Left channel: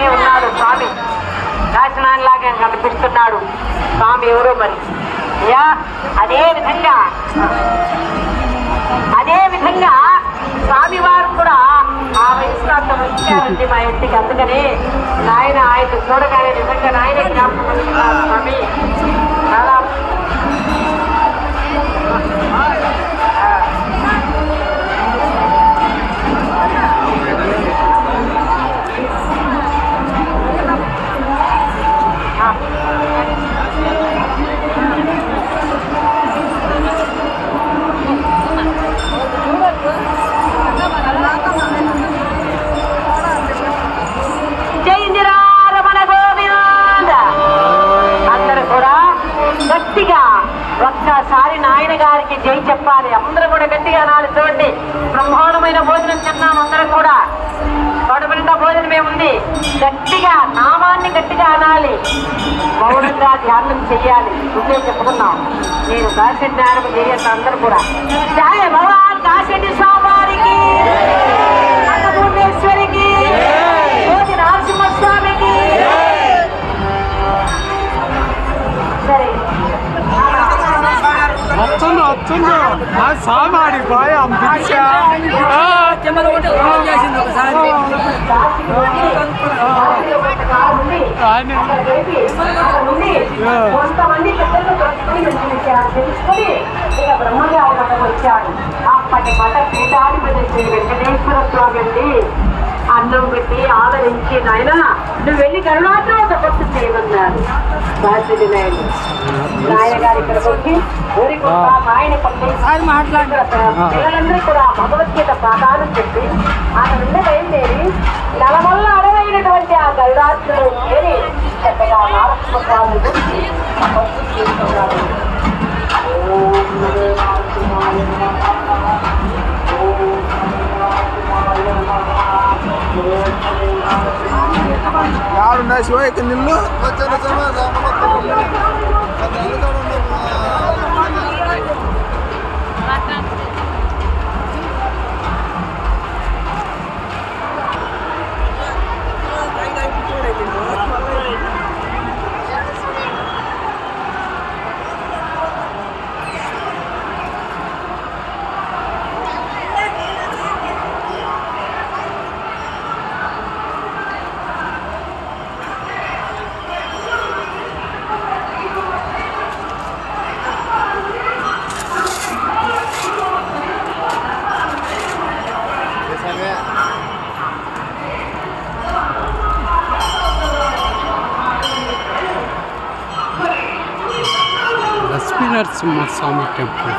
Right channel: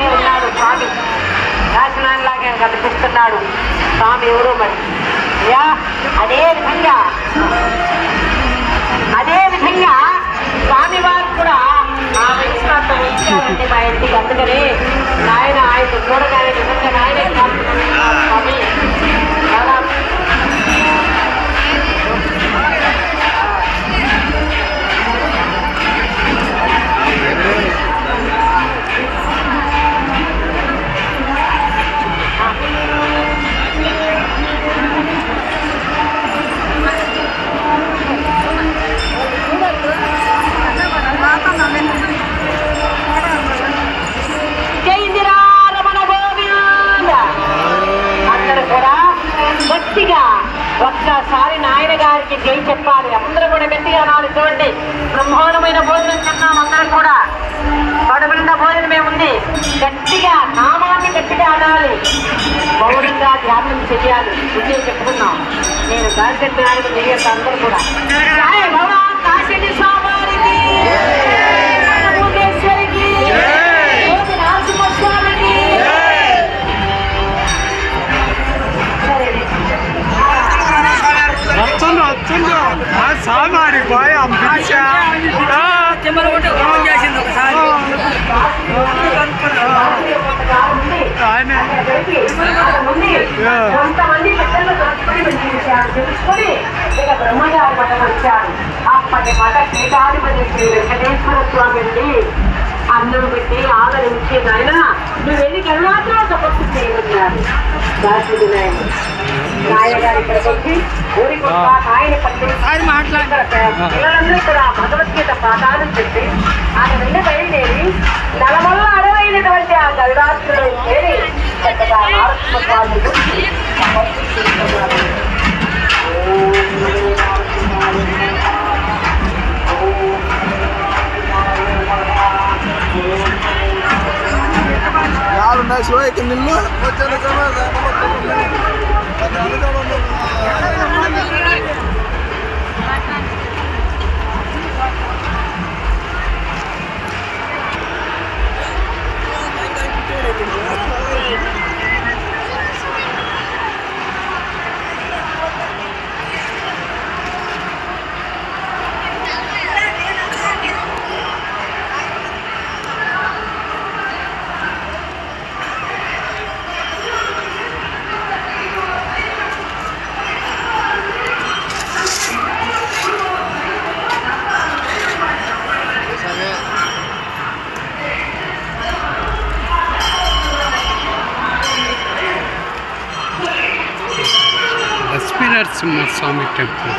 లాగే ఉన్నాడు స్వామి, కాశీనాథ్ లాగే కనిపిస్తున్నాడు స్వామి. ఎవరు మరి అదే విధంగా స్వామివారు కూడా ఆ విశ్వాసం ఇచ్చారండి మా ఇంటికి. అందుకని నాయన ఆయన చూడగానే నిజంగా నాయన జ్ఞాపకం స్వామి. చాలా గట్టిగా ఒక్కసారి నాయన గారికి జై చెప్పాలి. అందరూ కూడా గట్టిగా అనాలి. చూడండి, బ్రహ్మాండమైన భోజనం తిన్నాం అందరం కూడా. కడుపుండా భోజనమే ఉంది. గట్టిగా నామాన్ని గట్టిగా అనాలి, మౌనంగా ధ్యానం చెయ్యాలి. ఇదే చెప్పుకున్నాం. నేను కాశీ జ్ఞానం చేయండి అందరూ కూడా. జయ భగవాన్ కాశీ స్వామికి, అన్నపూర్ణేశ్వరికి, నరసింహస్వామికి. వస్తుందో స్వామి ఆడిపోయి అంబిషా అప్పటి మాట పీఠాధిపతి శ్రీ వెంకటేశ్వర స్వామి అండి. అన్నం పెట్టి ఆదరించి నాయన నువ్వు వెళ్ళి కరుణాత్మ తపస్సు చేయమన్నాడు దాశరథి నాయుడు. నాయగారి ఇక్కడికి వచ్చి ఊరికి ఆయన పిల్లలందరూ కూడా భగవద్గీత పాఠాలు చెప్పి ఆయన వెళ్ళి బయలుదేరి నలమల్ల అడవైనటువంటి ఆ గరుడాత్రులను చేరి చక్కగా ಯಾರುన్నాయి శివ ఇక్కడ నిన్ను లక్ష్మీ నరసింహస్వామి టెంపుల్.